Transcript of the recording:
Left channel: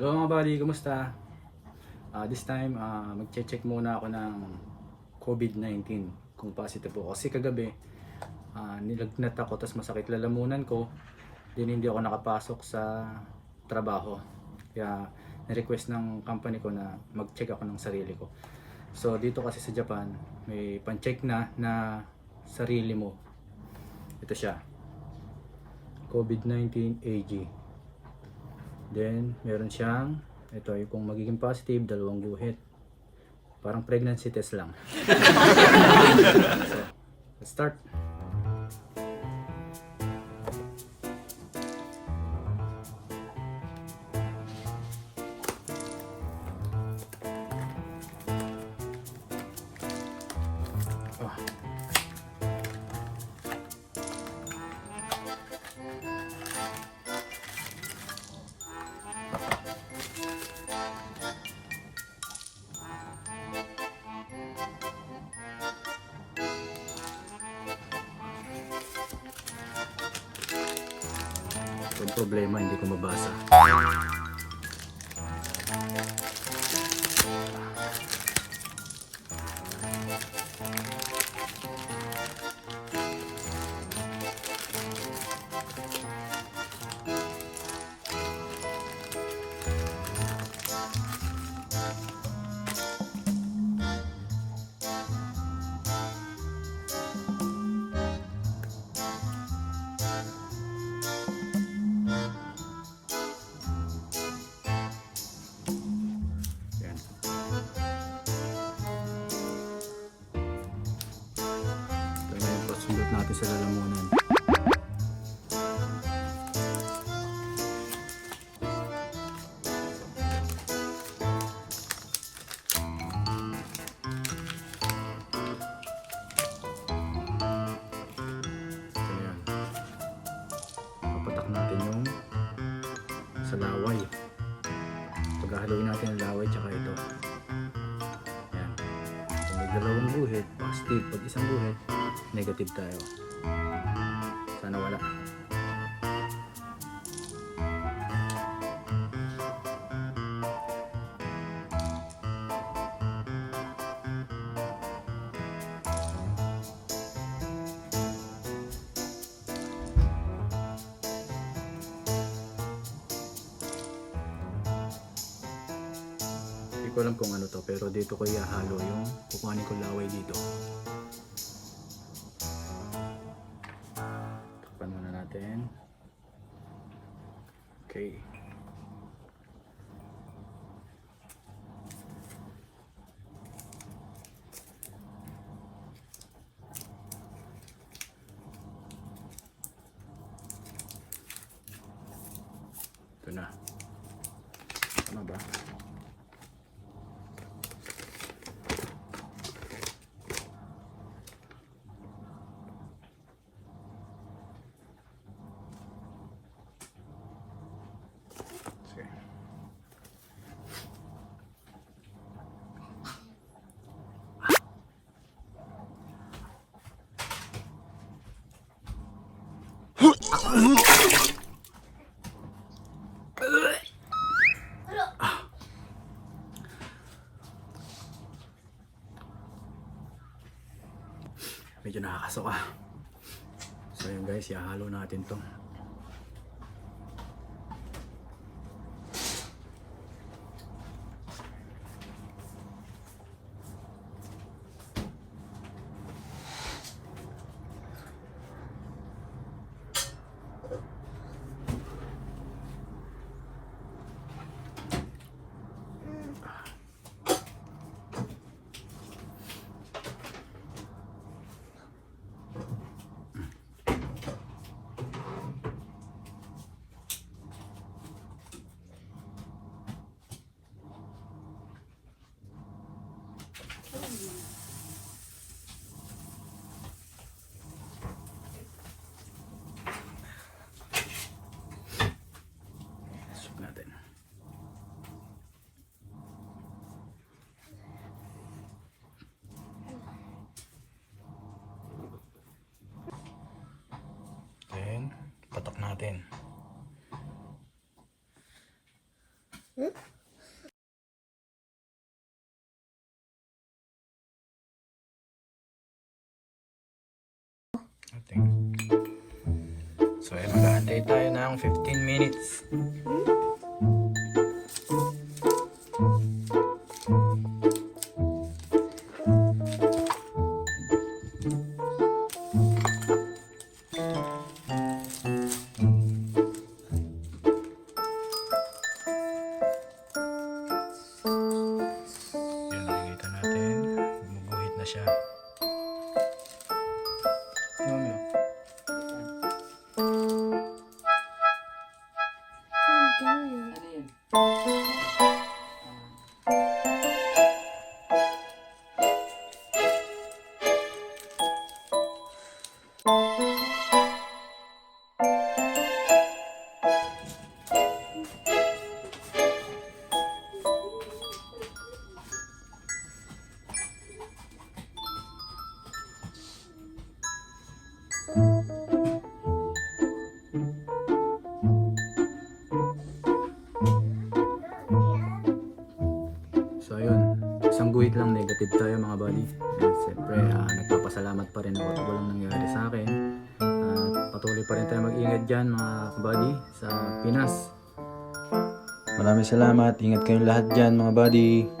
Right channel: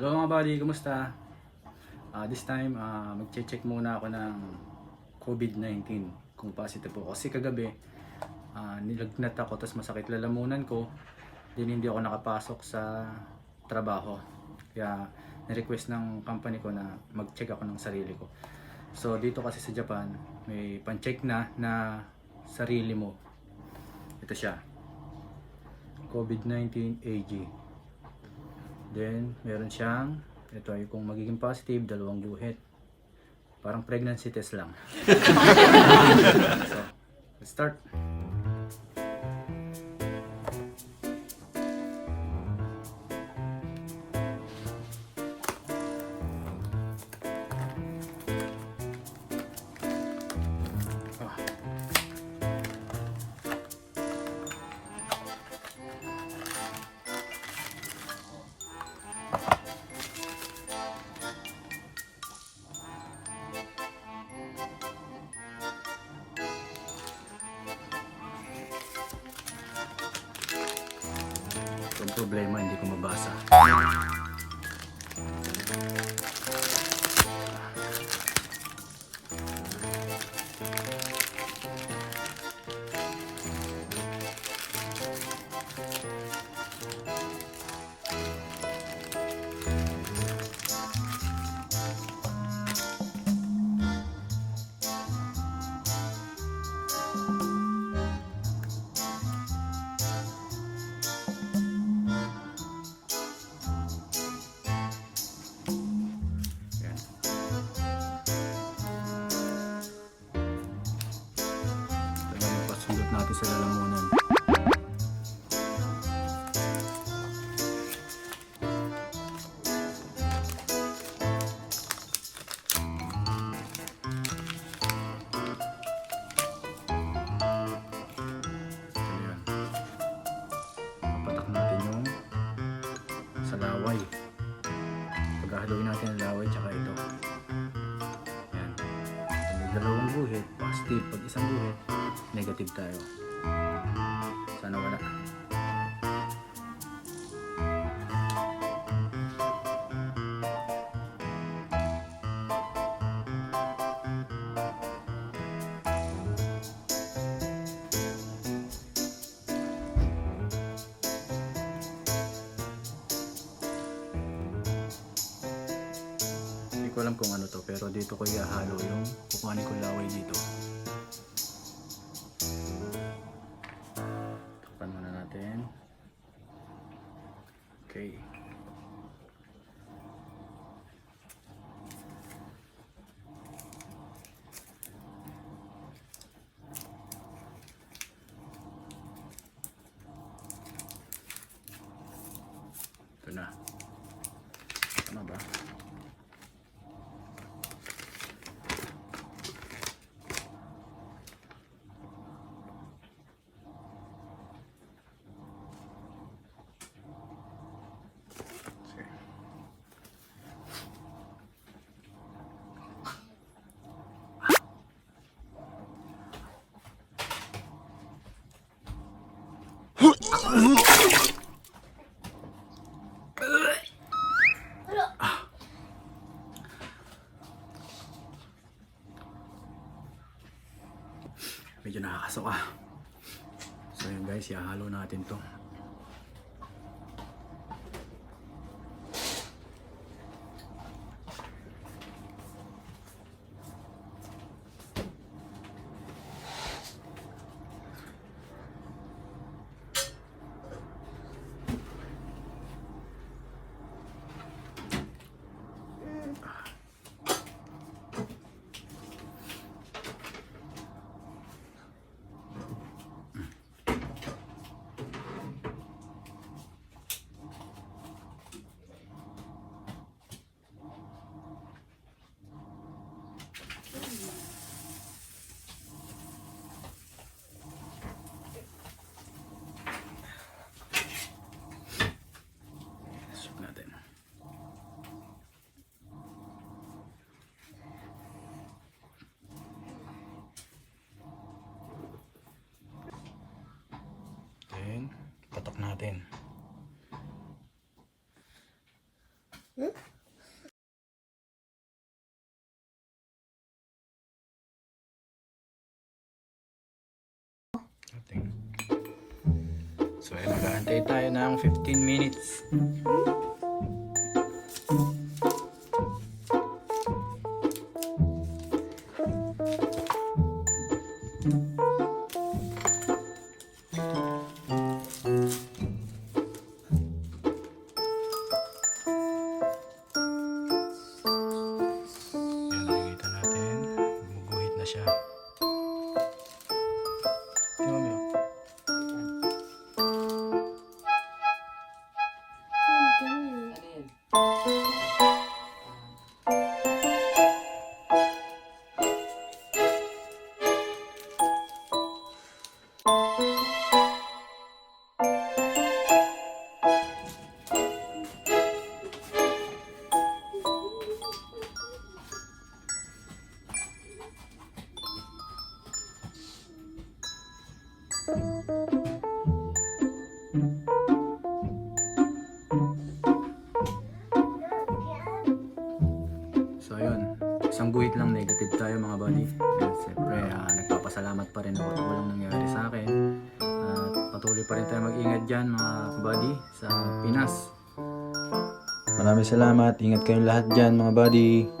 Hello mga buddy, kumusta? This time, mag-check muna ako ng COVID-19 kung positive po. Kasi kagabi, nilagnat ako tapos masakit lalamunan ko. Din hindi ako nakapasok sa trabaho. Kaya ni-request ng company ko na mag-check ako ng sarili ko. So dito kasi sa Japan, may pan-check na sarili mo. Ito siya. COVID-19 AG. Then, meron siyang, ito ay kung magiging positive, 2 guhit. Parang pregnancy test lang. So, let's start. Oh. Yung problema, hindi ko mabasa. Sundot natin sa lalamunan. Ayan. Papatak natin yung sa laway. Paghahaluin natin ang laway tsaka ito. Ayan. So, may 2 guhit, positive. Pag 1 guhit, negative tayo. Sana wala. Hindi ko alam kung ano to, pero dito ko ihahalo yung kukuhanin ko laway dito. Takpan muna natin. Okay. Ito na. Tama ba? Medyo nakakasok ah. So yun guys, ihahalo natin to. patok natin. So ay mag-aantay tayo ng 15 minutes. Yan, nakikita natin. Gumuguhit na siya. Ano? So ayun, isang guhit lang negative tayo mga buddy. And siyempre nagpapasalamat pa rin ako at walang nangyari sa akin. At patuloy pa rin tayo mag-ingat dyan mga buddy sa Pinas. Maraming salamat, ingat kayong lahat dyan mga buddy.